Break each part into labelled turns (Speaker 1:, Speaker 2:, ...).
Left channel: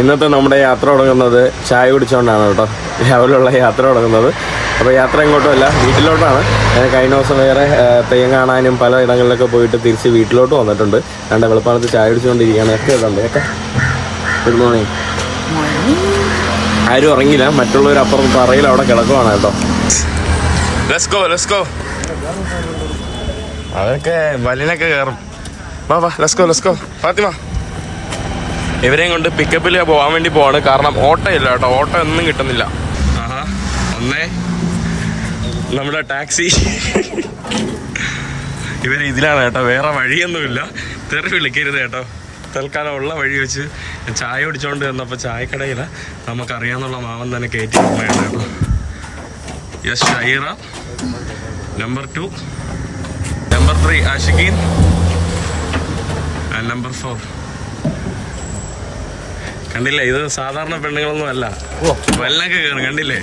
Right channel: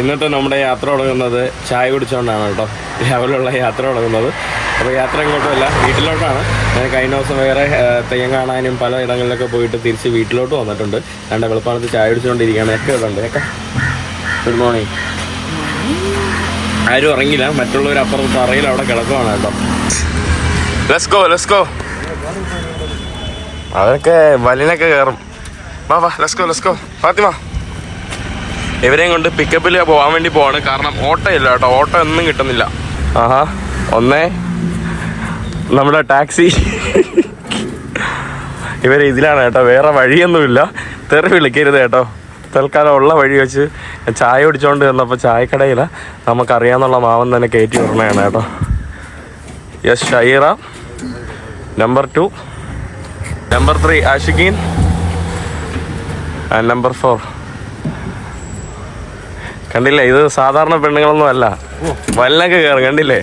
Speaker 1: ഇന്നത്തെ നമ്മുടെ യാത്ര തുടങ്ങുന്നത് ചായ കുടിച്ചുകൊണ്ടാണ് കേട്ടോ. രാവിലെയുള്ള യാത്ര തുടങ്ങുന്നത്. അപ്പോൾ യാത്ര എങ്ങോട്ടുമല്ല വീട്ടിലോട്ടാണ്. ഞാൻ കഴിഞ്ഞ ദിവസം വേറെ തെയ്യം കാണാനും പല ഇടങ്ങളിലൊക്കെ പോയിട്ട് തിരിച്ച് വീട്ടിലോട്ട് വന്നിട്ടുണ്ട്. രണ്ട് വെളുപ്പാണത്ത് ചായ കുടിച്ചുകൊണ്ടിരിക്കുകയാണ് ഒക്കെ ഇതുണ്ട്. ഒക്കെ. ഗുഡ് മോർണിംഗ് ആരും ഉറങ്ങിയില്ല. മറ്റുള്ളവർ അപ്പുറം പറയില്ല അവിടെ കിടക്കുവാണ് കേട്ടോ. ലെറ്റ്സ് ഗോ അവരൊക്കെ വലിനൊക്കെ കയറും വാ വാ ലെറ്റ്സ് ഗോ ഫാത്തിമ. ഇവരെയും കൊണ്ട് പിക്കപ്പിൽ പോവാൻ വേണ്ടി പോവാണ്. കാരണം ഓട്ടോ ഇല്ല കേട്ടോ. ഓട്ടോ ഒന്നും കിട്ടുന്നില്ല. ആഹാ. ഒന്നേ. നമ്മുടെ ടാക്സി. ഇവർ ഇതിലാണ് കേട്ടോ. വേറെ വഴിയൊന്നുമില്ല. തെറി വിളിക്കരുത് കേട്ടോ. തൽക്കാലം ഉള്ള വഴി വെച്ച് ചായ കുടിച്ചോണ്ട് വന്നപ്പോൾ ചായക്കടയില നമുക്കറിയാന്നുള്ള മാവൻ തന്നെ കയറ്റി തന്നെയാണ് കേട്ടോ. Yes Shaira. Number two number three Ashikin. And number four കണ്ടില്ലേ? ഇത് സാധാരണ പെണ്ണുങ്ങളൊന്നും അല്ല. വല്ലൊക്കെ കയറും കണ്ടില്ലേ?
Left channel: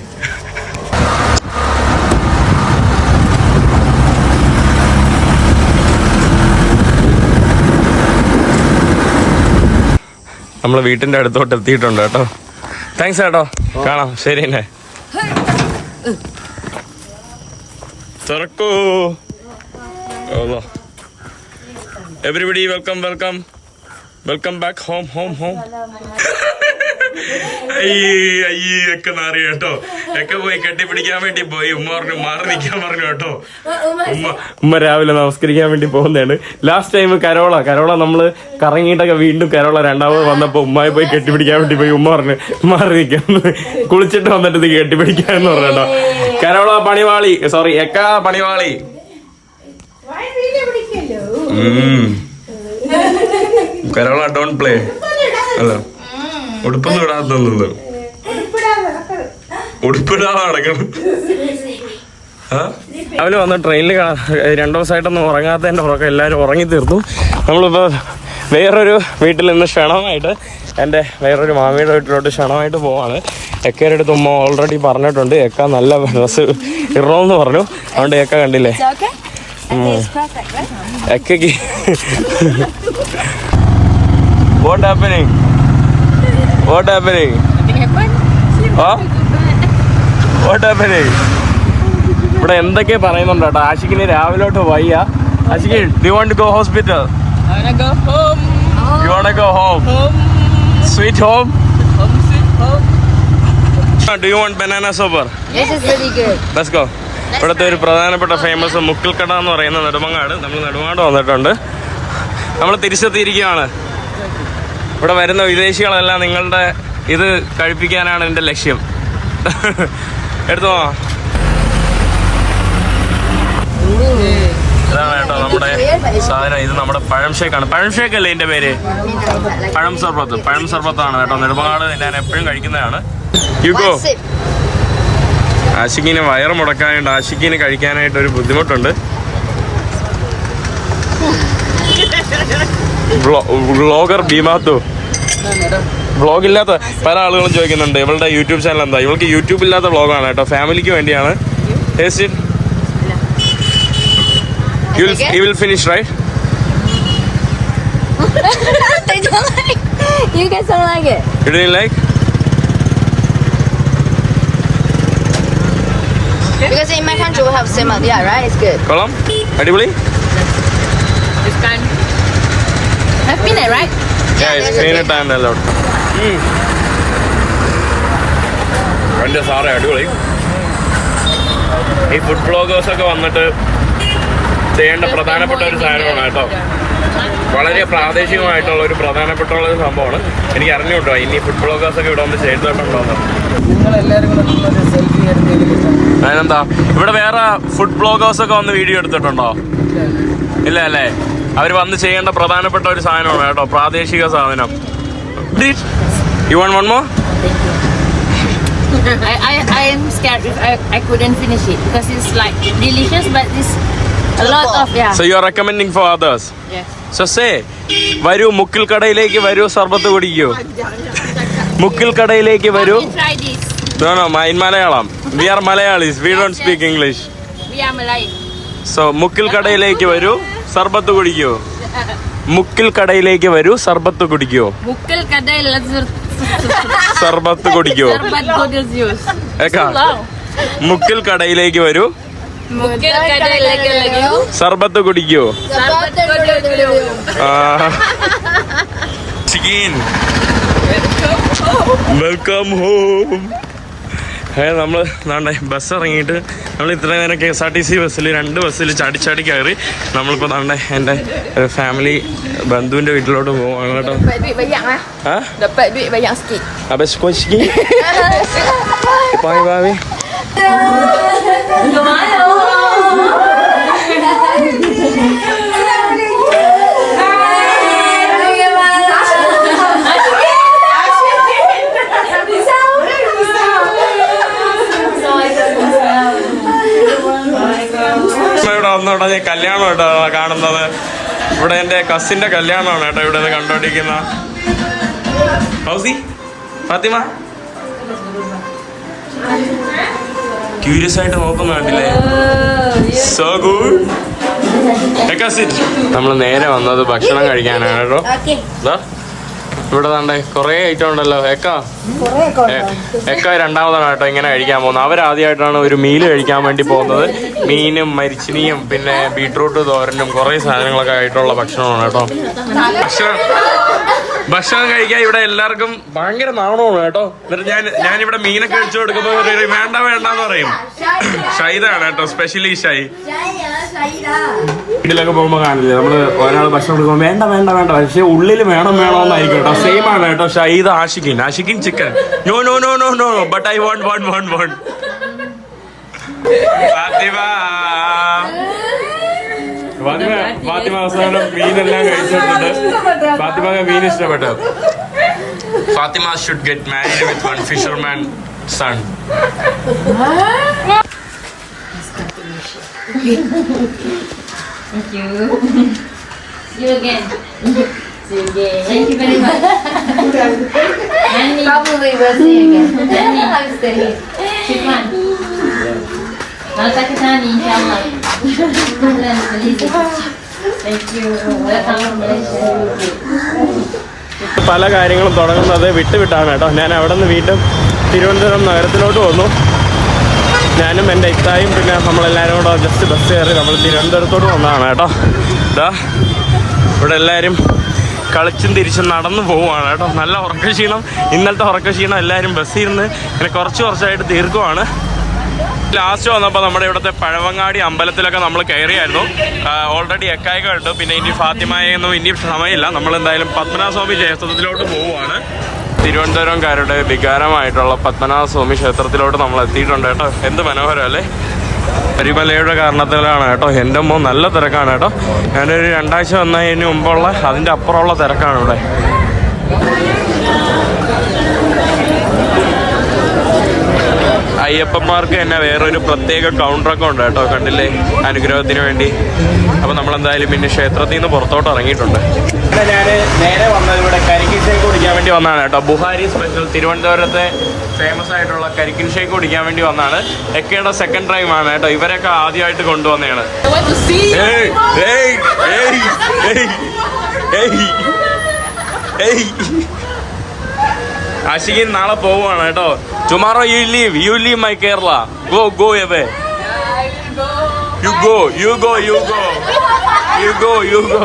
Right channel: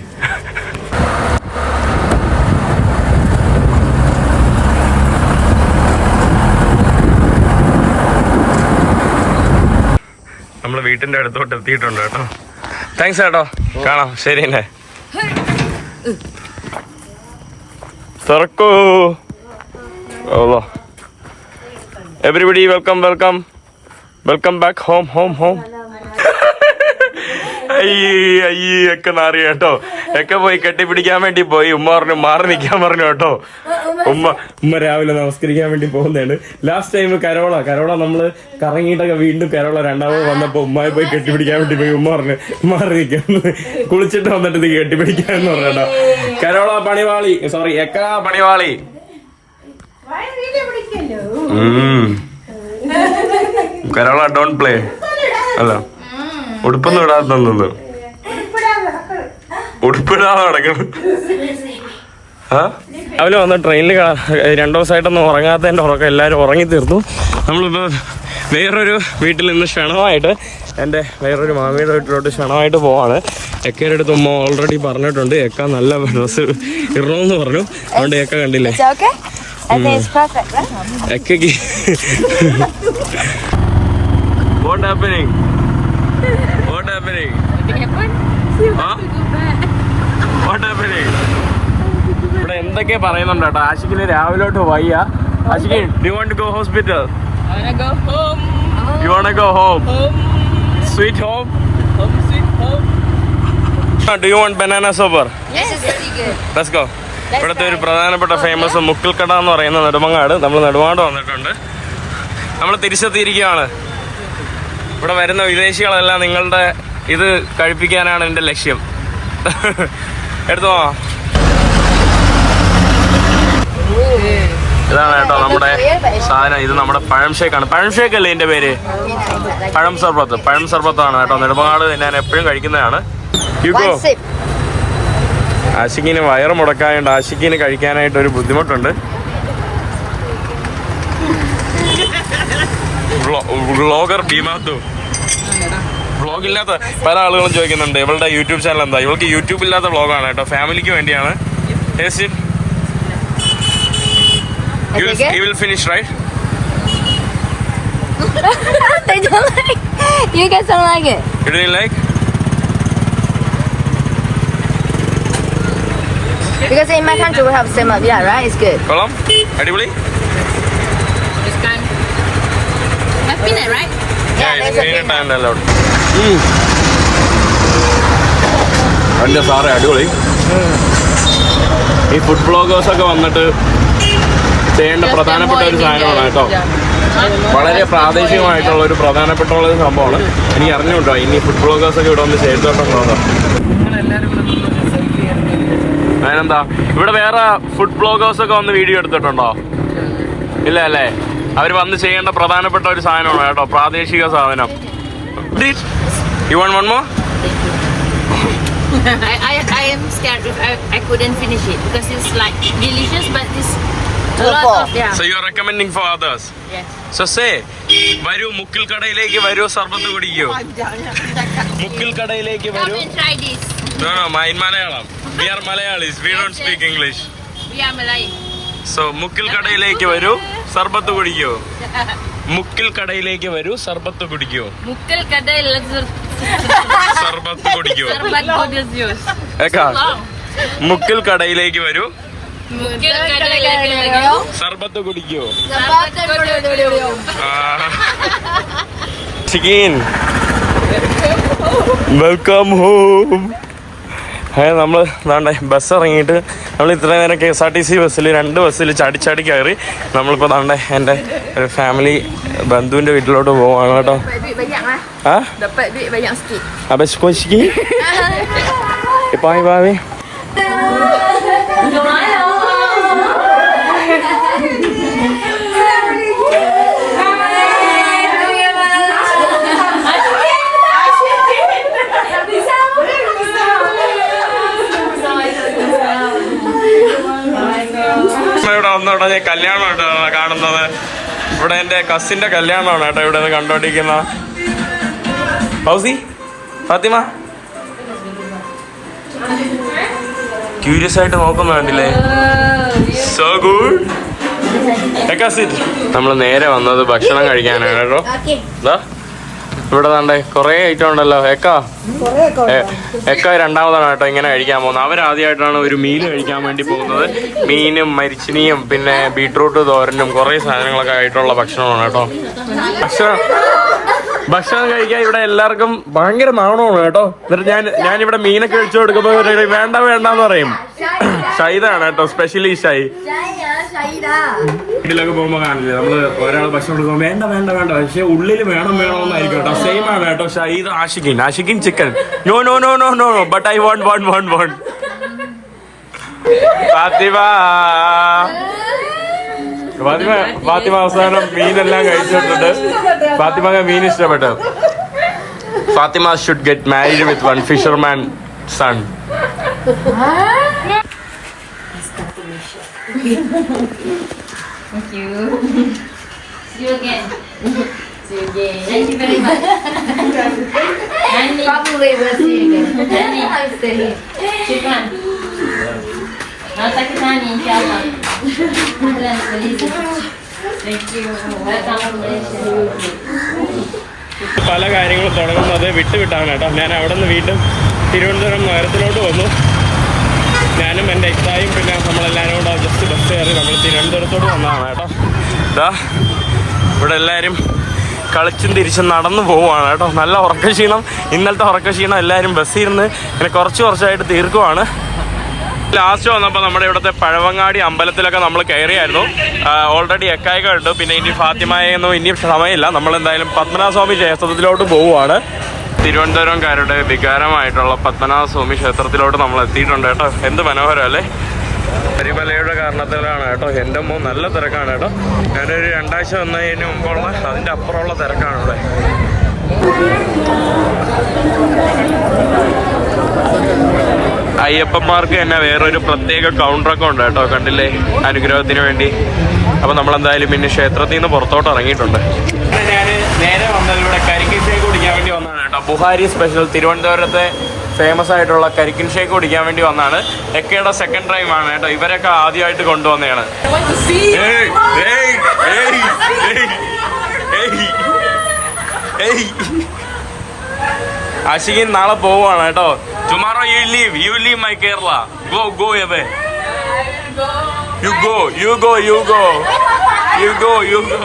Speaker 1: നമ്മൾ വീട്ടിന്റെ അടുത്തോട്ട് എത്തിയിട്ടുണ്ട് കേട്ടോ. താങ്ക്സ് കേട്ടോ കാണാം. ശരി അല്ലേ തുറക്കൂ. Everybody welcome welcome welcome back home home home അയ്യേ അയ്യേ ഒക്കെ മാറി കേട്ടോ? ഒക്കെ പോയി കെട്ടിപ്പിടിക്കാൻ വേണ്ടി പോയി. ഉമ്മ പറഞ്ഞു മാറി നിൽക്കാൻ പറഞ്ഞു കേട്ടോ. ഉമ്മ ഉമ്മ രാവിലെ നമസ്കരിക്കാൻ വേണ്ടി പോകുന്നതാണ്. ലാസ്റ്റ് ടൈം കരോള കരോള നമ്മൾ കറങ്ങിയിട്ടൊക്കെ വീണ്ടും കരോള രണ്ടാമത് വന്നപ്പോ ഉമ്മയെ പോയി കെട്ടിപ്പിടിക്കാൻ വേണ്ടി പോയി. ഉമ്മ പറഞ്ഞു മാറി നിൽക്കാൻ കുളിച്ചിട്ട് വന്നിട്ട് ഇത് കെട്ടിപ്പിടിക്കാന്ന് പറഞ്ഞു കേട്ടോ. കരോള പണിവാളി സോറി എക്ക പണിവാളി? ഉം. കരോള ഡോണ്ട് പ്ലേ അല്ല. ഉടുപ്പൊന്നും ഇടാതെ ഉടുപ്പിടാതെ നടക്കണം. ആ? രാവിലെ വന്ന ട്രെയിനിൽ രണ്ടു ദിവസമായിട്ടൊന്നും ഉറങ്ങാത്തതിന്റെ ഉറക്കം എല്ലാവരും ഉറങ്ങി തീർന്നു. നമ്മളിപ്പോൾ വേറൊരു വീട്ടിൽ നിന്ന് ക്ഷണമായിട്ട് എന്റെ വേറൊരു മാമിയുടെ വീട്ടിലോട്ട് ക്ഷണമായിട്ട് പോവാണ്. എക്കയുടെ അടുത്ത് ഉമ്മ ഓൾറെഡി പറഞ്ഞിട്ടുണ്ട് എക്ക നല്ല ഡ്രസ്സ് ഇടണമെന്ന് പറഞ്ഞു. അതുകൊണ്ട് എക്ക കണ്ടില്ലേ?
Speaker 2: Is that happening?
Speaker 1: What happening? Happening what happening ഇവിടെ എന്തൊക്കെ പറയുന്നുണ്ട് കേട്ടോ ആഷിക്കിന് രാവിലോട്ട് വയ്യ Ashik do want go hospital? You want go home sweet home. Do you want banana super. Let's go ഇവിടുത്തെ ഒരു പ്രധാനപ്പെട്ട ഫേമസ് മുക്കിൽക്കട എന്ന് പറയുന്ന നെടുമങ്ങാട് നമ്മൾ നെടുമാട് വന്നിട്ടുണ്ട് നമ്മൾ തിരിച്ചെത്തിയിരിക്കുകയാണ് ഇവിടെ വരുന്ന വിദേശികളെല്ലാം നിങ്ങളുടെ ഇത് കഴിപ്പിക്കാനാണ് എന്റെ ലക്ഷ്യം. എടുത്തോ ഇതാണ് കേട്ടോ നമ്മുടെ സാധനം. ഇത് നമ്മുടെ പഴം ഷേക്കാണ് പഴം ഷേക്ക് അല്ലേ ഇതിന്റെ പേര്? പഴം സർബത്ത്. പഴം സർബത്താണ് കേട്ടോ. നെടുമങ്ങാട് ഞാൻ എപ്പോഴും കഴിക്കുന്നതാണ്. യുഗോ. ആശിക്കിന് വയറ് മുടക്കാനുണ്ട് ആശിക്കിന് കഴിക്കാനായിട്ട് ഒരു ബുദ്ധിമുട്ടുണ്ട്. വ്ളോഗർ ഭീമാത്തു വ്ളോഗ് ഇല്ലാത്ത പല ആളുകളും ചോദിക്കുന്നുണ്ട്. ഇവളുടെ യൂട്യൂബ് ചാനൽ എന്താ? ഇവൾക്ക് യൂട്യൂബ് ഇല്ലാത്ത വ്ളോഗാണ് കേട്ടോ. ഫാമിലിക്ക് വേണ്ടിയാണ്. You will finish right
Speaker 2: They don't like You guys don't like it.
Speaker 1: You'd like
Speaker 2: Because in my country we have similar. Yeah, right? It's good.
Speaker 1: കൊള്ളാം. അടിപൊളി.
Speaker 3: Peanut, right?
Speaker 1: Yeah, it's peanut and a lot. എന്റെ സാറേ അടിപൊളി. ഈ food bloggers ഒക്കെ വന്നിട്ട് ചെയ്യേണ്ട പ്രധാനപ്പെട്ട ഒരു സാധനമാണ് കേട്ടോ. വളരെ പ്രാദേശികമായിട്ടുള്ള ഒരു പ്രധാനപ്പെട്ട ഒരു സംഭവമാണ്. എനിക്ക് അറിഞ്ഞുണ്ടോ ഇനി ഫുഡ് ബ്ലോഗേഴ്സ് ഒക്കെ ഇവിടെ വന്ന് ചെയ്തിട്ടുണ്ടോ അതിനെന്താ? ഇവിടെ വേറെ ഫുഡ് ബ്ലോഗേഴ്സ് ഒക്കെ വന്ന് വീഡിയോ എടുത്തിട്ടുണ്ടോ? ഇല്ല അല്ലേ? അവർ വന്ന് ചെയ്യേണ്ട പ്രധാനപ്പെട്ട ഒരു സാധനമാണ് കേട്ടോ പ്രാദേശിക സാധനം. You one one more
Speaker 3: I, I, am scared if I, I couldn't finish it because it's like delicious, but it's a lot of yeah.
Speaker 1: So you are recommending for others
Speaker 3: Yes.
Speaker 1: സസേ വരൂ മുക്കിൽ കടയിലേക്ക് വരൂ സർബത്ത് കുടിക്കൂ. മുക്കിൽ കടയിലേക്ക് വരൂ. No no my Malayalam. We are Malayalis we don't speak English. So മുക്കിൽ കടയിലേക്ക് വരൂ. സർബത്ത് കുടിക്കോ മുക്കിൽ കടയിലേക്ക് വരൂ സർബത്ത് കുടിക്കോ
Speaker 3: മുക്കിൽ കടയിൽ
Speaker 1: സർബത്ത് കുടിക്കോ മുക്കിൽ കടയിലേക്ക് വരൂ. സർബത്ത്
Speaker 2: കുടിക്കോ.
Speaker 1: ചിക്കൻ. Welcome home. ഏ നമ്മൾ ദാണ്ടെ ബസ് ഇറങ്ങിയിട്ട് നമ്മൾ ഇത്രയും നേരം K S R T C ബസ്സിൽ രണ്ട് ബസ്സിൽ ചാടി ചാടി കയറി. നമ്മളിപ്പോൾ ദാണ്ടെ എന്റെ ഫാമിലി ബന്ധുവിന്റെ വീട്ടിലോട്ട് പോവാണ് കേട്ടോ. ആ?
Speaker 2: duit banyak
Speaker 1: ഇവിടെ കല്യാണം കേട്ടോ കാണുന്നത്. ഇവിടെ എന്റെ കസിന്റെ കല്യാണമാണ് കേട്ടോ ഇവിടെ നിന്ന് കണ്ടോണ്ടിരിക്കുന്ന. ഫൗസി ഫാത്തിമ. ക്യൂരിയസ് ആയിട്ട് നോക്കുന്ന കണ്ടില്ലേ? സോ ഗുഡ് നമ്മൾ നേരെ വന്നത് ഭക്ഷണം കഴിക്കാനാണ് കേട്ടോ. ഇവിടെ തണ്ടേ കുറേ ഐറ്റം ഉണ്ടല്ലോ. എക്ക? എക്ക രണ്ടാമതാണ് കേട്ടോ ഇങ്ങനെ കഴിക്കാൻ പോകുന്നത്. അവരാദ്യമായിട്ടാണ് ഒരു മീൽ കഴിക്കാൻ വേണ്ടി പോകുന്നത്. മീനും മരിച്ചിനിയും പിന്നെ ബീട്രൂട്ട് തോരനും കുറേ സാധനങ്ങളൊക്കെ ആയിട്ടുള്ള ഭക്ഷണമാണ് കേട്ടോ. ഭക്ഷണം ഭക്ഷണം കഴിക്കാൻ ഇവിടെ എല്ലാവർക്കും ഭയങ്കര നാണമാണ് കേട്ടോ. എന്നിട്ട് ഞാൻ ഞാനിവിടെ മീനൊക്കെ കഴിച്ചു കൊടുക്കുമ്പോൾ വേണ്ട വേണ്ടെന്ന് പറയും. ഷൈതാണ് കേട്ടോ സ്പെഷ്യലി ഷൈ. വീട്ടിലൊക്കെ പോകുമ്പോൾ കാണില്ലേ? നമ്മൾ ഒരാൾ ഭക്ഷണം കൊടുക്കുമ്പോൾ വേണ്ട വേണ്ട വേണ്ട. പക്ഷേ ഉള്ളിൽ വേണം വേണമെന്നായിരിക്കും കേട്ടോ. സെയിം ആണ് കേട്ടോ. Shaida Ashikin Ashikin chicken no no no no no but I want want want want Fatima. Fatima Fatima അവസാനം മീനെല്ലാം കഴിച്ചിട്ടുണ്ട്. ഫാത്തിമ മീൻ ഇഷ്ടപ്പെട്ടു. Fatima should get married with one fisherman son
Speaker 3: Thank you. See you again. See you again. Thank you very much. Nani,
Speaker 2: Probably we'll see you again.
Speaker 3: Nani,
Speaker 2: I'm still here.
Speaker 3: Shukran. Malta Kitani, inshallah. Thank you. Welcome.
Speaker 1: പല കാര്യങ്ങളും തുടങ്ങുന്നത് വിട്ടുവിട്ടാണ് കേട്ടോ ഞാൻ അവിടെ നിന്ന് വീണ്ടും തിരുവനന്തപുരം നഗരത്തിലോട്ട് വന്നു ഞാനും എന്റെ ഇത്തായും പിന്നെ നമ്മളെല്ലാവരും കൂടെ ജസ്റ്റ് ബസ് കയറി നമ്മൾ തിരുവനന്തപുരത്തോട് വന്നതാണ് കേട്ടോ. ഇതാ ഇവിടെ എല്ലാവരും കളിച്ചും തിരിച്ചും നടന്നു പോവുകയാണ് കേട്ടോ. നല്ല ഉറക്കക്ഷീണം ഇന്നലത്തെ ഉറക്കക്ഷീണം എല്ലാവരും ബസ്സിൽ ഇരുന്ന് ഇങ്ങനെ കുറച്ച് കുറച്ചായിട്ട് തീർക്കുവാണ്. ലാസ്റ്റ് വന്നപ്പോൾ നമ്മുടെ ഇവിടുത്തെ പഴവങ്ങാടി അമ്പലത്തിലൊക്കെ നമ്മൾ കയറിയായിരുന്നു. ഓൾറെഡി എക്കായ കണ്ടു പിന്നെ ഇനി ഫാത്തിമായൊന്നും ഇനി സമയമില്ല. നമ്മൾ എന്തായാലും പത്മനാഭസ്വാമി ക്ഷേത്രത്തിലോട്ട് പോവുകയാണ്. തിരുവനന്തപുരംകാരുടെ വികാരമായിട്ടുള്ള പത്മനാഭ സ്വാമി ക്ഷേത്രത്തിലോട്ട് നമ്മൾ എത്തിയിട്ടുണ്ട് കേട്ടോ. എന്ത് മനോഹരം അല്ലേ? കരിമലയുടെ കാരണത്തിലാണ് കേട്ടോ. എന്റെ അമ്മ നല്ല തിരക്കാണ് കേട്ടോ. ഞാനൊരു രണ്ടാഴ്ച വന്നതിന് മുമ്പുള്ള അതിന്റെ അപ്പുറമുള്ള തിരക്കാണ് ഇവിടെ. അയ്യപ്പന്മാർക്ക് തന്നെ വേറൊരു പ്രത്യേക കൗണ്ടറൊക്കെ ഉണ്ട് കേട്ടോ. കണ്ടില്ലേ? അനുഗ്രഹത്തിന് വേണ്ടി. അപ്പൊ നമ്മൾ എന്തായാലും പിന്നെ ക്ഷേത്രത്തിൽ നിന്ന് പുറത്തോട്ട് ഇറങ്ങിയിട്ടുണ്ട്. ഞാൻ നേരെ വന്നത് ഇവിടെ കരിക്കിൻ ഷേക്ക് കുടിക്കാൻ വേണ്ടി വന്നതാണ് കേട്ടോ. ബുഹാരി സ്പെഷ്യൽ തിരുവനന്തപുരത്തെ ഫേമസ് ആയിട്ടുള്ള കരിക്കിൻ ഷേക്ക് കുടിക്കാൻ വേണ്ടി വന്നതാണ്. എക്കയുടെ സെക്കൻഡ് ടൈം ആണ് കേട്ടോ. ഇവരൊക്കെ ആദ്യമായിട്ട് കൊണ്ടുവന്നതാണ്. ഏയ്, ഏയ്, ഏയ്, ഏയ്, ഏയ്, ഏയ്. ആഷിഖിൻ നാളെ പോവാണ് കേട്ടോ. Tomorrow you leave you leave my Kerala go go away you you go, you go. You go, you go.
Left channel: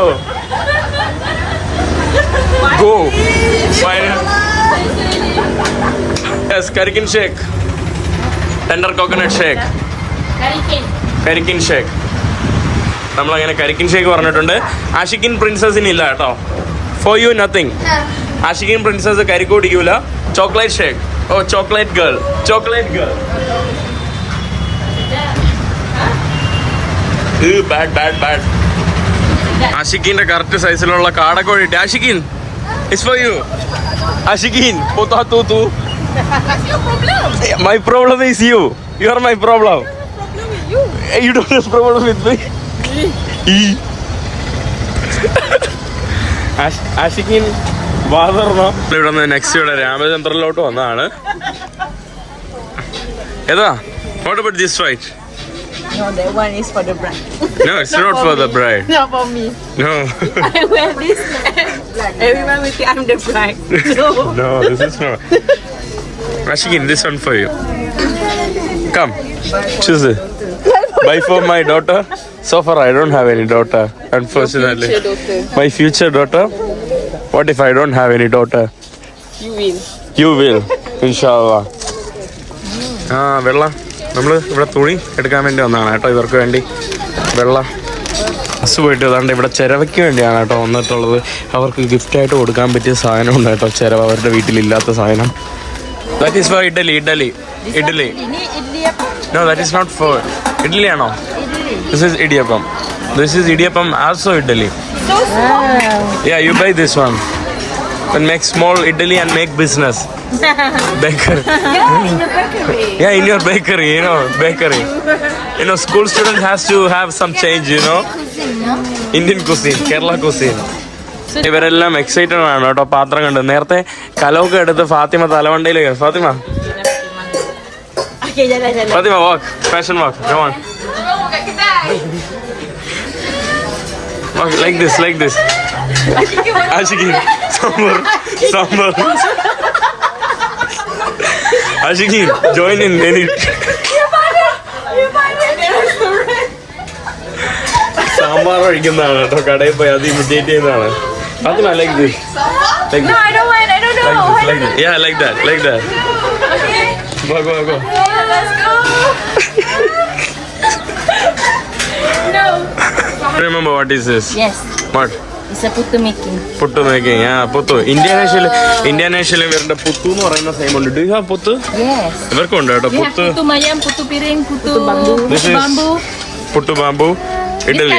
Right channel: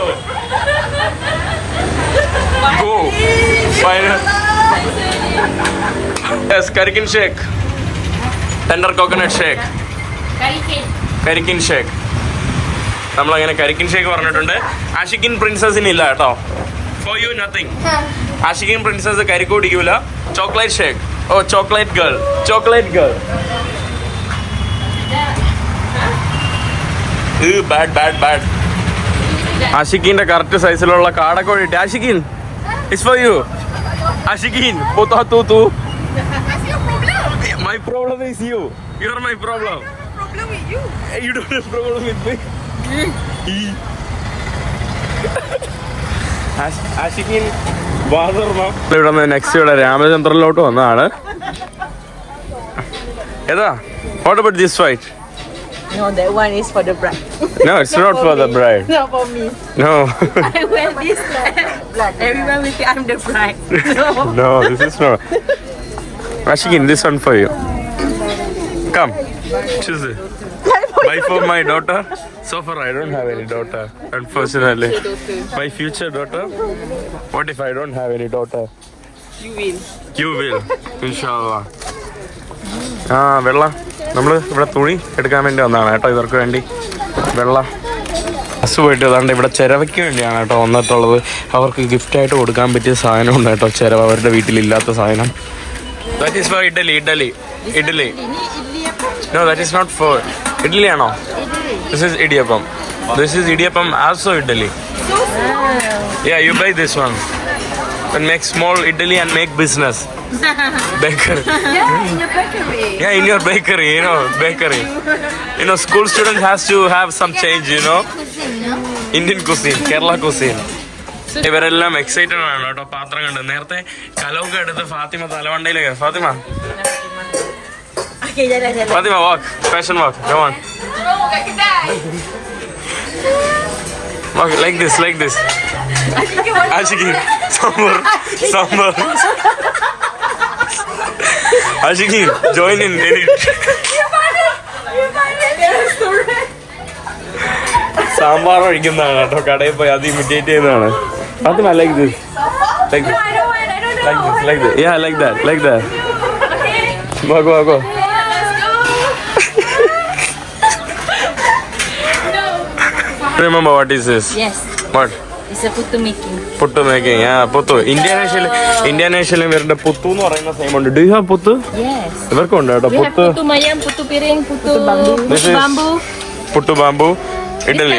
Speaker 1: Go. Go Yes, Karikin shake. Tender coconut shake.
Speaker 3: Karikin.
Speaker 1: കരിക്കിൻ ഷേക്ക് നമ്മളങ്ങനെ കരിക്കിൻ ഷേക്ക് പറഞ്ഞിട്ടുണ്ട് ആഷിക്കിൻ പ്രിൻസസിന് ഇല്ല കേട്ടോ for you nothing Ashikin princess കരിക്ക് കുടിക്കൂല chocolate shake oh chocolate girl chocolate girl bad bad bad ആഷിക്കിന്റെ correct സൈസിലുള്ള കാടക്കോഴി ഇട്ട് Ashikin it's for you Ashikin പോത്താ തൂ തൂ my problem is you you are my problem don't have problem with me? E. Ashikin ഇവിടെ നിന്ന് next ഇവിടെ രാമചന്ദ്രനിലോട്ട് വന്നതാണ്. ഏതാ? What about this fight
Speaker 4: No, that one is for the bride.
Speaker 1: No, it's not, for, the bride.
Speaker 4: Not for me.
Speaker 1: No.
Speaker 4: I wear this black. Everyone will say I'm the bride. No.
Speaker 1: no, this is not. Rashikin, this one for you. Come, choose it. Buy for my daughter. So far, I don't have any daughter, unfortunately. My future daughter. What if I don't have any daughter?
Speaker 4: You will.
Speaker 1: You will, inshallah. Ah, Bella. നമ്മൾ ഇവിടെ തുണി എടുക്കാൻ വേണ്ടി വന്നതാണ് കേട്ടോ. ഇവർക്ക് വേണ്ടി വെള്ള ബസ് പോയിട്ട് അതാണ്ട് ഇവിടെ ചിരവയ്ക്ക് വേണ്ടിയാണ് കേട്ടോ വന്നിട്ടുള്ളത്. അവർക്ക് ഗിഫ്റ്റായിട്ട് കൊടുക്കാൻ പറ്റിയ സാധനം ഉണ്ട് കേട്ടോ. ചിരവ അവരുടെ വീട്ടിലില്ലാത്ത സാധനം. That is for idli idli idli no that is not for idli ആണോ? This is idiyappam. This is idiyappam also idli yeah you buy this one make small idli and make make
Speaker 4: Yeah, in your bakery.
Speaker 1: yeah in your bakery you know bakery you know school student has to have some change you know indian cuisine kerala cuisine ഇവരെല്ലാം excited ആണ് കേട്ടോ പാത്രം കണ്ട് നേരത്തെ കലമൊക്കെ എടുത്ത് Fatima തലവണ്ടയിലേക്ക് Fatima Fatima walk fashion walk come on walk like this like this ആഷിഖി sambar sambar ആഷിഖി join in any sambar ഒഴിക്കുന്നതാണ് കേട്ടോ കടയിൽ പോയി അത് ഇമിറ്റേറ്റ് ചെയ്യുന്നതാണ് അത് like this like
Speaker 4: I don't want. I don't know.
Speaker 1: like this like this yeah like that like that go go go remember what is this
Speaker 3: Yes,
Speaker 1: what puttu making ആ പുത്തു ഇന്ത്യാനേഷ്യയിൽ ഇന്ത്യാനേഷ്യയിൽ ഇവരുടെ പുത്തു എന്ന് പറയുന്ന സെയിം ഉണ്ട്. Do have പുത്ത്? ഇവർക്കും ഉണ്ട് കേട്ടോ പുത്തു. പുട്ടു ബാമ്പു ഇഡലി.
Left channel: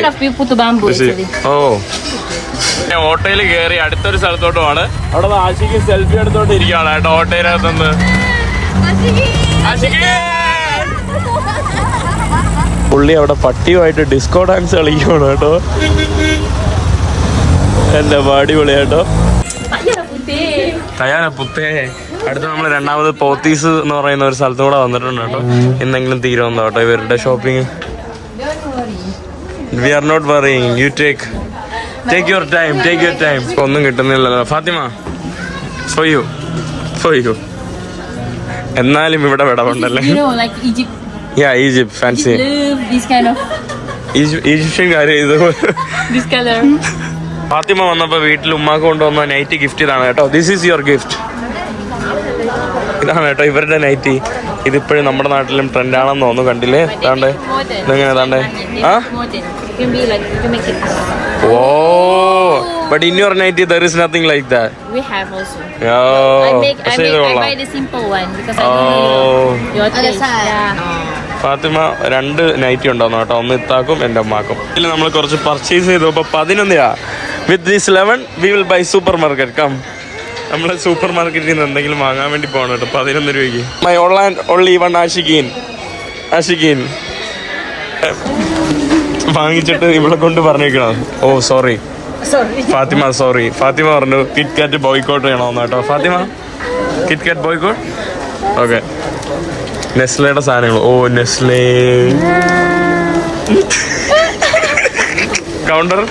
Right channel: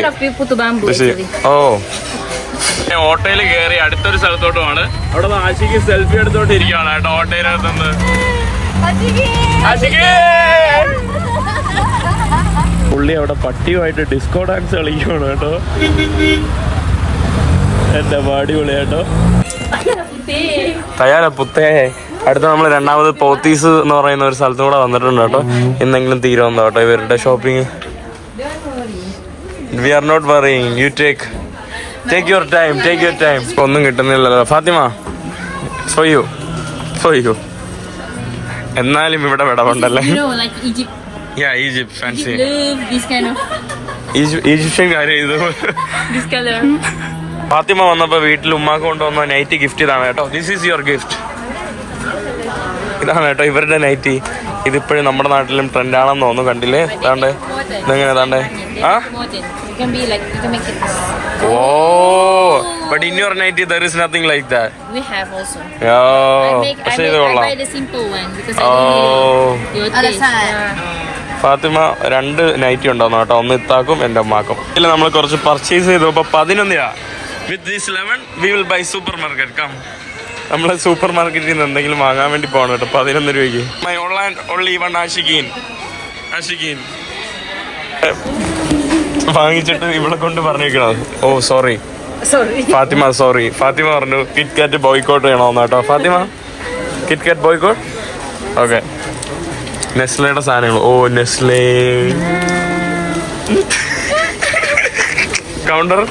Speaker 1: ഓ ഞാൻ ഓട്ടോയിൽ കയറി അടുത്തൊരു സ്ഥലത്തോട്ടുമാണ്. അവിടെ ആശിക്ക് സെൽഫി എടുത്തോണ്ടിരിക്കുകയാണ് കേട്ടോ ഓട്ടോയിനകത്തുനിന്ന് ആശിക്ക്! പുള്ളി അവിടെ പട്ടിയുമായിട്ട് ഡിസ്കോ ഡാൻസ് കളിക്കുകയാണ് കേട്ടോ. എന്റെ പാടി കേട്ടോ തയ്യാറ പുത്തേ. അടുത്ത നമ്മൾ രണ്ടാമത് പോത്തീസ് എന്ന് പറയുന്ന ഒരു സ്ഥലത്തും കൂടെ വന്നിട്ടുണ്ട് കേട്ടോ. എന്തെങ്കിലും തീരുമെന്നോ കേട്ടോ. ഇവരുടെ shopping we are not worrying you take take your time take your time ഒന്നും കിട്ടുന്നില്ലല്ലോ. Fatima for you for you എന്നാലും ഇവിടെ വിടവുണ്ടല്ലേ? യാ ഈജിപ്ത് ഫാൻസി ഈജിപ്ഷ്യൻ കാര്യം ഇത്. ഫാത്തിമ വന്നപ്പോ വീട്ടിൽ ഉമ്മാക്ക് കൊണ്ടുവന്ന നൈറ്റി ഗിഫ്റ്റ് ഇതാണ് കേട്ടോ. ദിസ് ഈസ് യുവർ ഗിഫ്റ്റ് ഇതാണ് കേട്ടോ ഇവരുടെ നൈറ്റി ഇതിപ്പോഴും നമ്മുടെ നാട്ടിലും ട്രെൻഡാണെന്ന് തോന്നുന്നു. കണ്ടില്ലേ? താണ്ടേ ഇതെങ്ങനെ താണ്ടേ ആ. ഓ but in your nighty there is nothing like that
Speaker 3: we have also
Speaker 1: oh പക്ഷേ ഇത് കൊള്ളാം. ഫാത്തിമ രണ്ട് നൈറ്റി ഉണ്ടായിരുന്നു കേട്ടോ. ഒന്ന് ഇത്താക്കും എന്റെ അമ്മാക്കും ഇതിൽ നമ്മൾ കുറച്ച് പർച്ചേസ് ചെയ്തു. അപ്പൊ പതിനൊന്നിനാ? With this eleven we will buy supermarket come നമ്മൾ സൂപ്പർ മാർക്കറ്റിൽ നിന്ന് എന്തെങ്കിലും വാങ്ങാൻ വേണ്ടി പോകണം കേട്ടോ. പതിനൊന്ന് രൂപയ്ക്ക്. My online only one Ashikin Ashikin വാങ്ങിച്ചിട്ട് ഇവിടെ കൊണ്ട് പറഞ്ഞിരിക്കണോ oh sorry Fatima sorry Fatima പറഞ്ഞു കിറ്റ് കാറ്റ് ബോയ്ക്കോട്ട് ചെയ്യണമെന്ന് കേട്ടോ. Fatima Kit Kat boycott okay നെസ്ലയുടെ സാധനങ്ങൾ. Oh Nestlé. കൗണ്ടർ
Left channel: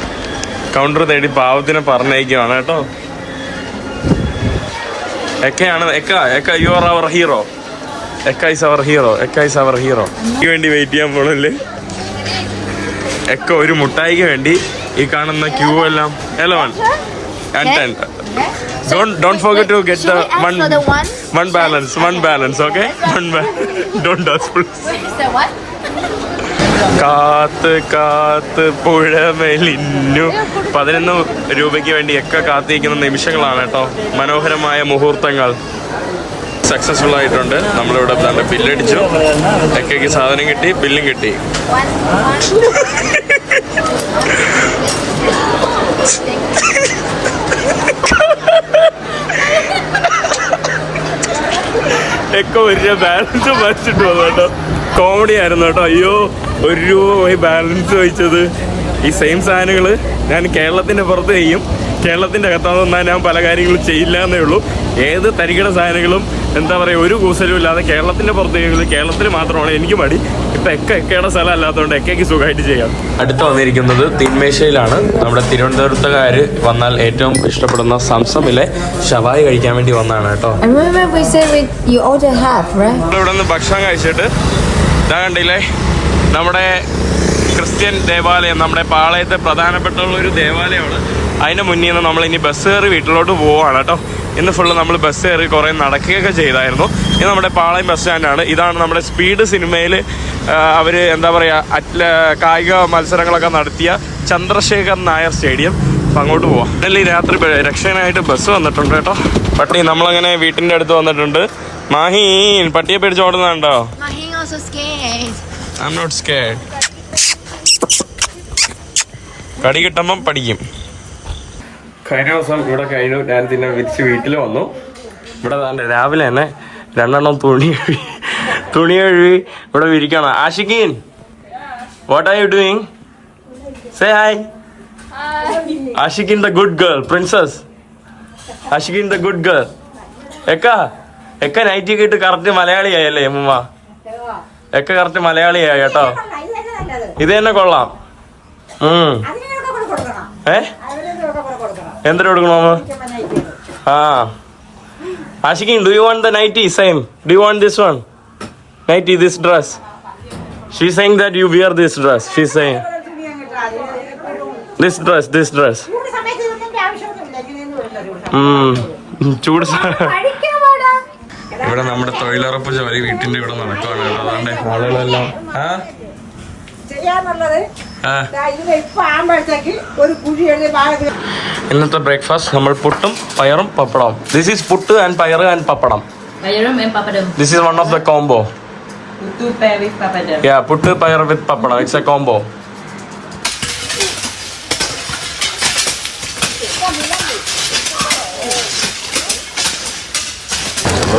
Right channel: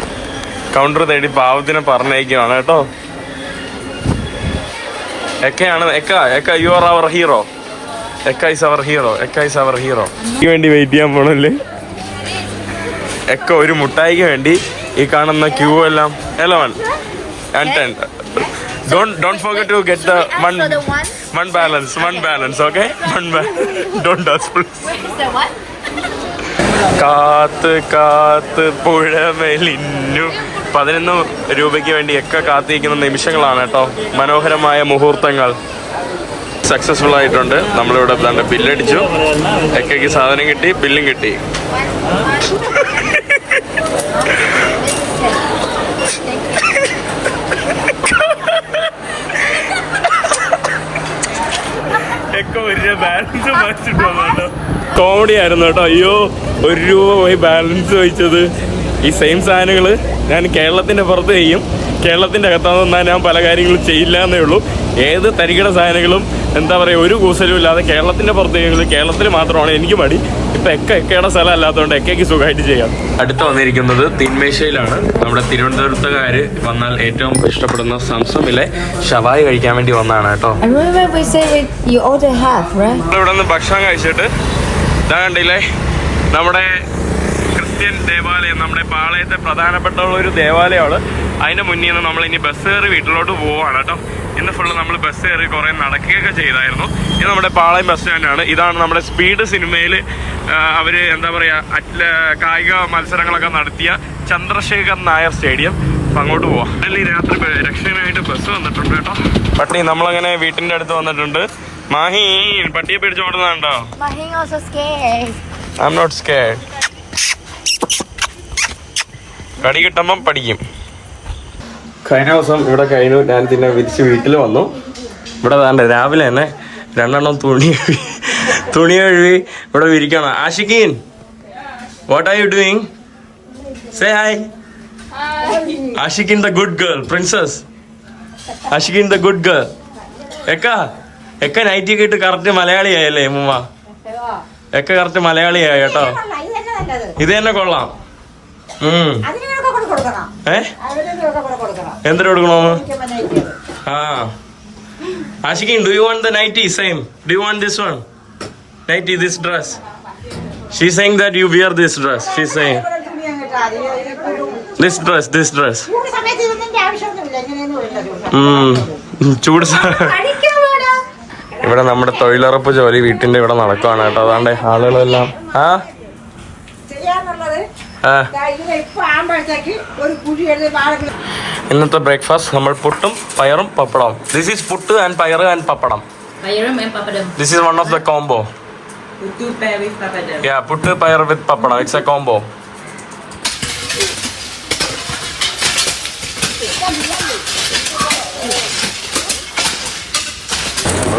Speaker 1: കൗണ്ടർ തേടി പാവത്തിനെ പറഞ്ഞയക്കുവാണ് കേട്ടോ. എക്കയാണ് Ekka Ekka you are our hero Ekka is our hero Ekka is our hero എനിക്ക് വേണ്ടി വെയിറ്റ് ചെയ്യാൻ പോണല്ലേ? എക്ക ഒരു മുട്ടായിക്ക് വേണ്ടി ഈ കാണുന്ന ക്യൂ എല്ലാം. Hello one and ten don't don't forget to get the one
Speaker 2: one?
Speaker 1: One balance one balance okay one don't
Speaker 2: Is that what?
Speaker 1: കാത്ത് കാത്ത് പുഴമെലിഞ്ഞു പതിനൊന്ന് രൂപയ്ക്ക് വേണ്ടി ഒക്കെ കാത്തിരിക്കുന്ന നിമിഷങ്ങളാണ് കേട്ടോ. മനോഹരമായ മുഹൂർത്തങ്ങൾ. സക്സസ്ഫുൾ ആയിട്ടുണ്ട്. നമ്മളിവിടെ തന്നെ ബില്ലടിച്ചു. എക്കയ്ക്ക് സാധനം കിട്ടി ബില്ലും കിട്ടി. എക്ക കോമഡി ആയിരുന്നു കേട്ടോ. അയ്യോ ഒരു രൂപ പോയി ബാലൻസ് വഹിച്ചത് ഈ സെയിം സാധനങ്ങൾ ഞാൻ കേരളത്തിന്റെ പുറത്ത് ചെയ്യും. കേരളത്തിന്റെ അകത്താന്ന് ഞാൻ പല കാര്യങ്ങളും ചെയ്യില്ല എന്നേ ഉള്ളൂ. ഏത് തരികിട സാധനങ്ങളും എന്താ പറയുക ഒരു കൂസലും ഇല്ലാതെ കേരളത്തിന്റെ പുറത്തേക്ക് കേരളത്തിൽ മാത്രമാണ് എനിക്ക് മടി. ഇപ്പം എക്ക എക്കയുടെ സ്ഥലം അല്ലാത്തതുകൊണ്ട് എക്കയ്ക്ക് സുഖമായിട്ട് ചെയ്യാം. അടുത്ത് വന്നിരിക്കുന്നത് തിന്മേശയിലാണ് നമ്മുടെ തിരുവനന്തപുരത്തുകാർ വന്നാൽ ഏറ്റവും ഇഷ്ടപ്പെടുന്ന സംസമിലെ ഷവായി കഴിക്കാൻ വേണ്ടി വന്നതാണ് കേട്ടോ? ഇവിടെ നിന്ന് ഭക്ഷണം കഴിച്ചിട്ട് ഇതാ കണ്ടില്ലേ നമ്മുടെ ക്രിസ്ത്യൻ ദേവാലയം നമ്മുടെ പാളയത്തെ പ്രധാനപ്പെട്ട ഒരു ദേവാലയമാണ്. അതിന്റെ മുന്നിൽ നിന്ന് നമ്മൾ ഇനി ബസ് കയറി വീട്ടിലോട്ട് പോവാണ് കേട്ടോ. ഇന്ന് ഫുള്ള് നമ്മൾ ബസ് കയറി കുറേ നടക്കുകയൊക്കെ ചെയ്തായിരുന്നു. ഇത് നമ്മുടെ പാളയം ബസ് സ്റ്റാൻഡാണ് ഇതാണ് നമ്മുടെ സ്പീഡ് സിനിമയിൽ അവർ എന്താ പറയുക അറ്റ്ല കായിക മത്സരങ്ങളൊക്കെ നടത്തിയ ചന്ദ്രശേഖർ നായർ സ്റ്റേഡിയം. അപ്പം അങ്ങോട്ട് പോവാം. അല്ല ഈ രാത്രി രക്ഷകനായിട്ട് ബസ് വന്നിട്ടുണ്ട് കേട്ടോ. പട്ടി നമ്മളങ്ങനെ വീട്ടിന്റെ അടുത്ത് വന്നിട്ടുണ്ട്. മാഹി പട്ടിയെ പേടിച്ച് ഓടുന്നുണ്ടോ. ഐ എം നോട്ട് സ്കേഡ് കടി കിട്ടുമ്പം പഠിക്കും. കഴിഞ്ഞ ദിവസം ഇവിടെ കഴിഞ്ഞു. ഞാൻ പിന്നെ വിരിച്ച് വീട്ടിൽ വന്നു. ഇവിടെ വേണ്ട രാവിലെ തന്നെ രണ്ടെണ്ണം തുണി കഴുകി തുണി കഴുകി ഇവിടെ വിരിക്കണം. Ashikin what are you doing say hi Ashikin the good girl princess Ashikin the good girl Ekka Ekka nighty ഒക്കെ ഇട്ട് കറക്റ്റ് മലയാളിയായല്ലേ ഉമ്മ എക്ക കറക്റ്റ് മലയാളിയായി കേട്ടോ. ഇത് തന്നെ കൊള്ളാം. ഉം. ഏ? എന്തിനു കൊടുക്കണോന്ന് ആ. Ashikin do you want the nighty same do you want this one nighty this dress she saying that you wear this dress she saying this dress this dress ചൂട് ഇവിടെ നമ്മുടെ തൊഴിലുറപ്പ് ജോലി വീട്ടിന്റെ ഇവിടെ നടക്കുവാണ് കേട്ടോ. അതാണ്ട് ആളുകളെല്ലാം ആ? ഇന്നത്തെ ബ്രേക്ക്ഫാസ്റ്റ് നമ്മൾ പുട്ടും പയറും പപ്പടവും. This is puttu and payar and pappadam. This is one of the combo. Yeah puttu payar with pappadam. It's a combo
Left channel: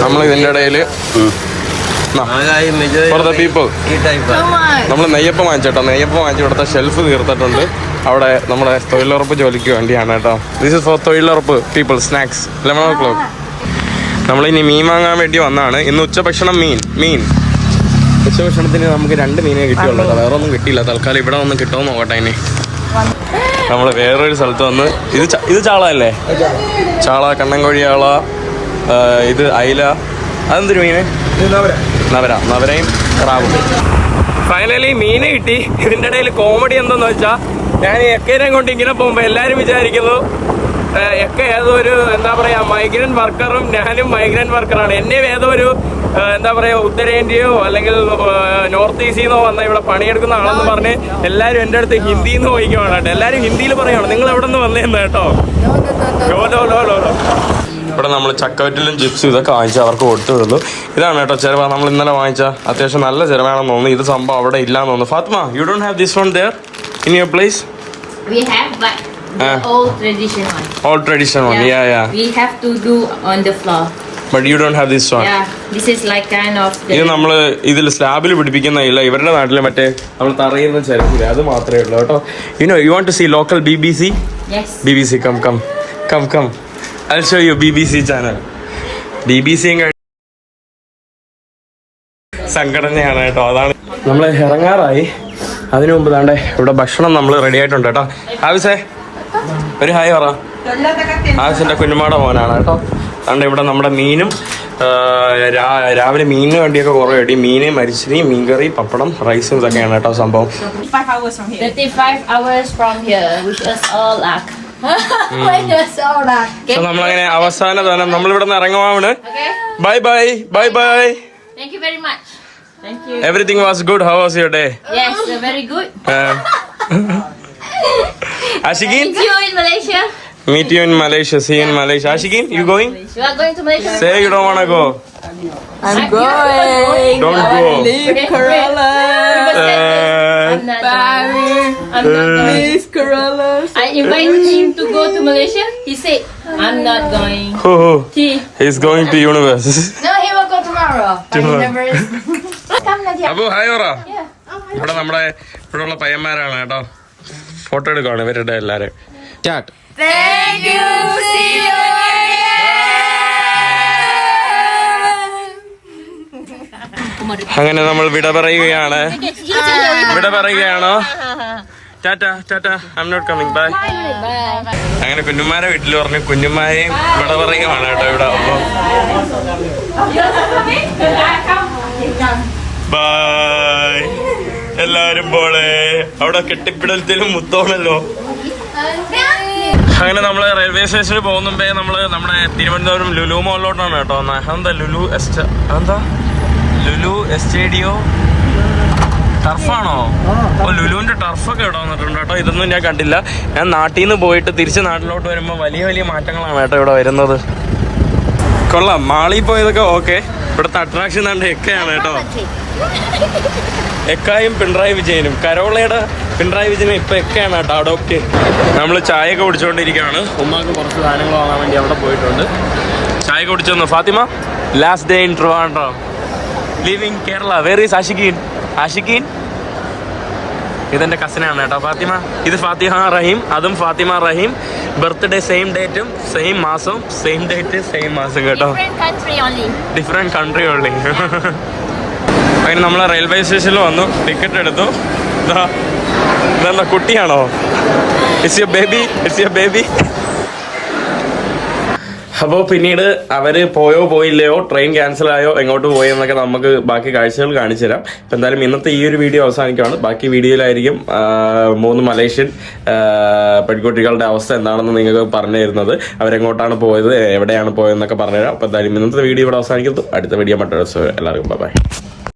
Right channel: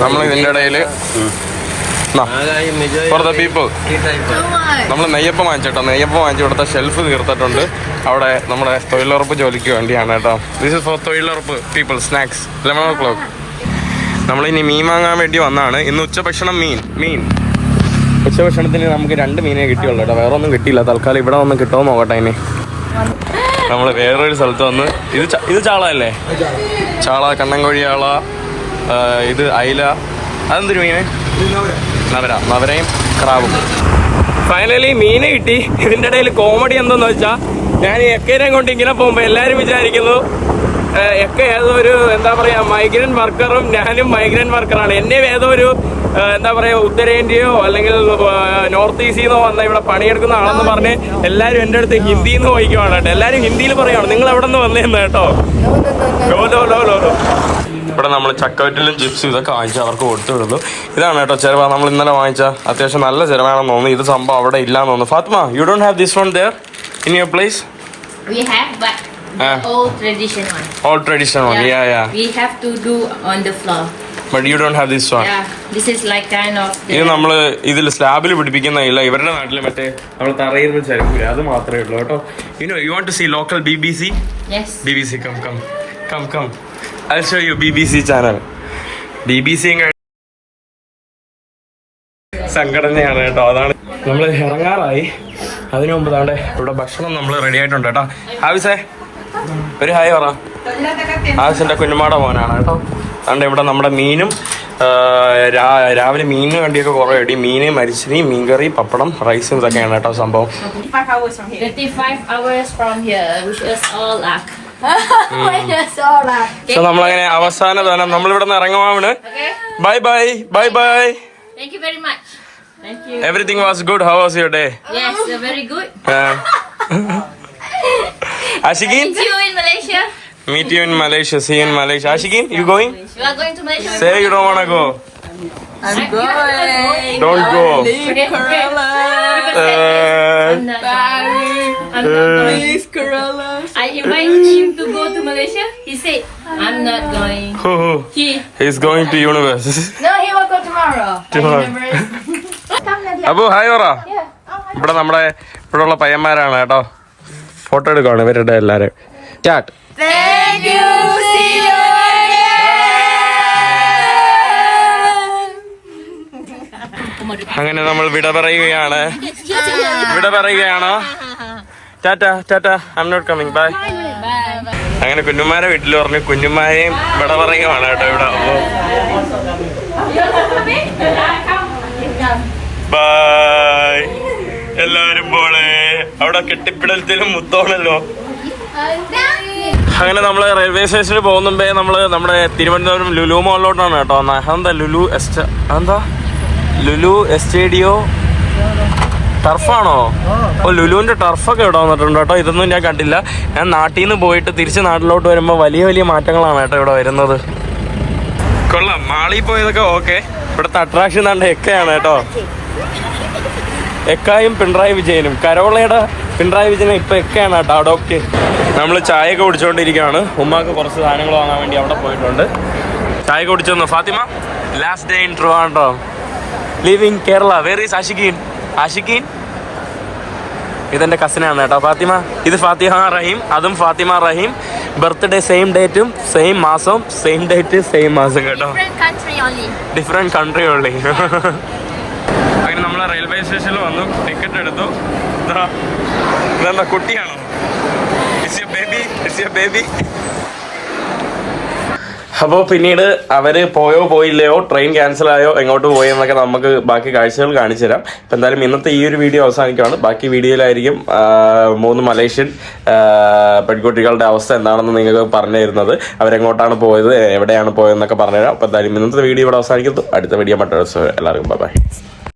Speaker 1: നമ്മൾ ഇതിന്റെ ഇടയിൽ ഫോർ ദ പീപ്പിൾ നമ്മൾ നെയ്യപ്പം വാങ്ങിച്ചേട്ടോ. നെയ്യപ്പം വാങ്ങിച്ച് ഇവിടുത്തെ ഷെൽഫ് തീർത്തിട്ടുണ്ട്. അവിടെ നമ്മുടെ തൊഴിലുറപ്പ് ജോലിക്ക് വേണ്ടിയാണ് കേട്ടോ. This is for thozhilurappu people snacks eleven o'clock നമ്മളിനി മീൻ വാങ്ങാൻ വേണ്ടി വന്നാണ്. ഇന്ന് ഉച്ചഭക്ഷണം മീൻ മീൻ. ഉച്ചഭക്ഷണത്തിന് നമുക്ക് രണ്ട് മീനേ കിട്ടിയുള്ളൂ കേട്ടോ. വേറെ ഒന്നും കിട്ടിയില്ല. തൽക്കാലം ഇവിടെ ഒന്നും കിട്ടുമോ നോക്കട്ടെ ഇനി. നമ്മൾ വേറൊരു സ്ഥലത്ത് വന്ന് ഇത് ഇത് ചാള അല്ലേ? ചാള കണ്ണൻകോഴി ചാള ആ, ഇത് അയില. അതെന്തൊരു മീന്? നവര നവരയും ക്രാബും ഫൈനലി മീന് കിട്ടി. ഇതിന്റെ ഇടയിൽ കോമഡി എന്തെന്ന് വെച്ചാൽ ഞാൻ എക്കേനെ കൊണ്ട് ഇങ്ങനെ പോകുമ്പോ എല്ലാരും വിചാരിക്കുന്നു എക്ക ഏതോ ഒരു എന്താ പറയാ മൈഗ്രന്റ് വർക്കറും ഞാനും മൈഗ്രന്റ് വർക്കറാണ് എന്നെ ഏതോ ഒരു എന്താ പറയാ ഉത്തരേന്ത്യയോ അല്ലെങ്കിൽ നോർത്ത് ഈസ്റ്റിൽ നിന്നോ വന്ന ഇവിടെ പണിയെടുക്കുന്ന ആളെന്ന് പറഞ്ഞ് എല്ലാരും എന്റെ അടുത്ത് ഹിന്ദിയിൽ നിന്ന് ചോദിക്കുവാണ് കേട്ടോ. എല്ലാരും ഹിന്ദിയിൽ പറയുവാണ്. നിങ്ങൾ എവിടെ നിന്ന് വന്നേന്ന് കേട്ടോ? ലോ ലോ ലോ ലോ ലോ ഇവിടെ നമ്മൾ ചക്കവറ്റിലും ചിപ്സ് ഇതൊക്കെ വാങ്ങിച്ച് അവർക്ക് കൊടുത്തു വിടുന്നു ഇതാണ് കേട്ടോ ചിലവ് നമ്മൾ ഇന്നലെ വാങ്ങിച്ച അത്യാവശ്യം നല്ല ചിലവാണെന്ന് തോന്നുന്നു. ഇത് സംഭവം അവിടെ ഇല്ലാന്ന് തോന്നുന്നു. Fatma you don't have this one there in your place
Speaker 3: We have, but the
Speaker 1: Ah.
Speaker 3: old tradition one.
Speaker 1: Old traditional one yeah yeah
Speaker 3: We have to do on the floor.
Speaker 1: But you don't have this one
Speaker 3: Yeah,
Speaker 1: ഇത്. നമ്മൾ ഇതിൽ സ്ലാബിൽ പിടിപ്പിക്കുന്ന ഇല്ല ഇവരുടെ നാട്ടിൽ മറ്റേ നമ്മൾ തറയുന്ന ചരക്കൂല അത് മാത്രമേ ഉള്ളൂ കേട്ടോ. You know you want to see local B B C B B C come come come come I show you BBC channel. BBC B സംഘടനയാണ് കേട്ടോ. അതാണ് നമ്മൾ ഇറങ്ങാറായി. അതിനു മുമ്പ് താണ്ടെ ഇവിടെ ഭക്ഷണം നമ്മൾ റെഡി ആയിട്ടുണ്ട് കേട്ടോ. ആവശ്യേ ഒരു ഹായ് പറ. ആവശ്യന്റെ കുഞ്ഞുമാട മോനാണ് കേട്ടോ. അതുകൊണ്ട് ഇവിടെ നമ്മുടെ മീനും രാവിലെ മീൻ വേണ്ടിയൊക്കെ കുറേ അടി മീന് മരിച്ചിരി മീൻകറി പപ്പടം റൈസും ഇതൊക്കെയാണ് കേട്ടോ സംഭവം. സോ നമ്മളങ്ങനെ അവസാന ധനം നമ്മളിവിടെ നിന്ന് ഇറങ്ങുവാണ് bye bye bye bye everything was good how was your day
Speaker 3: Ashikin
Speaker 1: meet you in Malaysia see in Malaysia Ashikin you going say you do want to go
Speaker 4: I'm going.
Speaker 1: Don't go.
Speaker 3: Leave forget-
Speaker 1: Uh,
Speaker 3: Bali. going.
Speaker 4: Corollas.
Speaker 3: I invite him to go to Malaysia. He said, I'm not going. He
Speaker 1: He's going to universe.
Speaker 2: No, he will go tomorrow.
Speaker 1: Tomorrow. Abu, hi പറ ഇവിടെ നമ്മുടെ ഇവിടെ ഉള്ള പയ്യന്മാരാണ് കേട്ടോ photo എടുക്കണം ഇവരുടെ എല്ലാരും
Speaker 2: you. See you
Speaker 1: അങ്ങനെ നമ്മൾ വിട പറയുകയാണ്. വിട പറയുകയാണോ? ടാറ്റ ടാറ്റ I'm not coming bye അങ്ങനെ കുഞ്ഞുമാരെ വീട്ടിൽ പറഞ്ഞു കുഞ്ഞുമാരെയും വിട പറയുകയാണ് കേട്ടോ ഇവിടെ. ബൈ എല്ലാരും പോളെ അവിടെ കെട്ടിപ്പിടലത്തിലും മുത്തോണല്ലോ. അങ്ങനെ നമ്മൾ റെയിൽവേ സ്റ്റേഷനിൽ പോകുന്നുമ്പേ നമ്മൾ നമ്മുടെ തിരുവനന്തപുരം ലുലു മോളിലോട്ടാണ് കേട്ടോ എന്താ ലുലു എസ്റ്റ എന്താ ലുലു എസ്റ്റേഡിയോ. ടർഫാണോ? ഓ ലുലുവിന്റെ ടർഫൊക്കെ ഇവിടെ വന്നിട്ടുണ്ട് കേട്ടോ. ഇതൊന്നും ഞാൻ കണ്ടില്ല. ഞാൻ നാട്ടിൽ നിന്ന് പോയിട്ട് തിരിച്ച് നാട്ടിലോട്ട് വരുമ്പോൾ വലിയ വലിയ മാറ്റങ്ങളാണ് കേട്ടോ ഇവിടെ വരുന്നത്. കൊള്ളാം. മാളിൽ പോയതൊക്കെ ഓക്കെ. ഇവിടുത്തെ അട്രാക്ഷൻ കണ്ട എക്കയാണ് കേട്ടോ. എക്കായും പിണറായി വിജയനും. കരോളയുടെ പിണറായി വിജയനും ഇപ്പൊ എക്കയാണ് കേട്ടോ. അഡോപ്റ്റ് നമ്മൾ ചായ ഒക്കെ കുടിച്ചുകൊണ്ടിരിക്കുകയാണ് ഉമ്മാക്ക് കുറച്ച് സാധനങ്ങൾ വാങ്ങാൻ വേണ്ടി അവിടെ പോയിട്ടുണ്ട്. ചായ കുടിച്ചു Fathima last day in Trivandrum living Kerala where is Ashiqeen Ashiqeen ഇതെന്റെ കസിനാണ് കേട്ടോ. ഫാത്തിമ ഇത് ഫാത്തിമ റഹീം അതും ഫാത്തിമ റഹീം. ബർത്ത്ഡേ സെയിം ഡേറ്റും സെയിം മാസവും സെയിം ഡേറ്റ് സെയിം മാസം കേട്ടോ. ഡിഫറെന്റ് കൺട്രി ഉള്ളി അങ്ങനെ നമ്മൾ റെയിൽവേ സ്റ്റേഷനിൽ വന്നു ടിക്കറ്റ് എടുത്തു. ഇതാ ഇതെന്താ കുട്ടിയാണോ? It's you baby it's you baby അപ്പോൾ പിന്നീട് അവർ പോയോ പോയില്ലയോ ട്രെയിൻ ക്യാൻസൽ ആയോ എങ്ങോട്ട് പോയോ എന്നൊക്കെ നമുക്ക് ബാക്കി കാഴ്ചകൾ കാണിച്ചു തരാം. ഇപ്പം എന്തായാലും ഇന്നത്തെ ഈ ഒരു വീഡിയോ അവസാനിക്കുകയാണ് ബാക്കി വീഡിയോയിലായിരിക്കും മൂന്ന് മലേഷ്യൻ പെൺകുട്ടികളുടെ അവസ്ഥ എന്താണെന്ന് നിങ്ങൾക്ക് പറഞ്ഞു തരുന്നത്. അവരെങ്ങോട്ടാണ് പോയത് എവിടെയാണ് പോയതെന്നൊക്കെ പറഞ്ഞുതരാം അപ്പോൾ എന്തായാലും ഇന്നത്തെ വീഡിയോ ഇവിടെ അവസാനിക്കുന്നു. അടുത്ത വീഡിയോ മറ്റൊരു എല്ലാവർക്കും ബൈ